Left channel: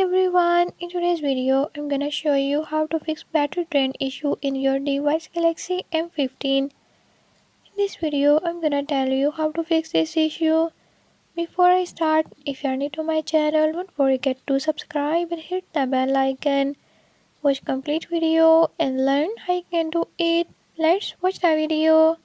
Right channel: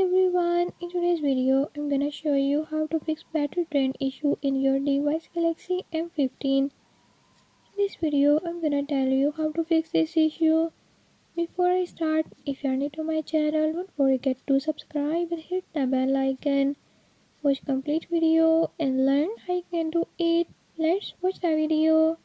everyone, in today's video I'm gonna show you how to fix battery drain issue in your device Galaxy M15. In this video I'm gonna tell you how to fix this issue. Before I start, if you are new to my channel, don't forget to subscribe and hit the bell icon. Watch complete video and learn how you can do it. Let's watch the video.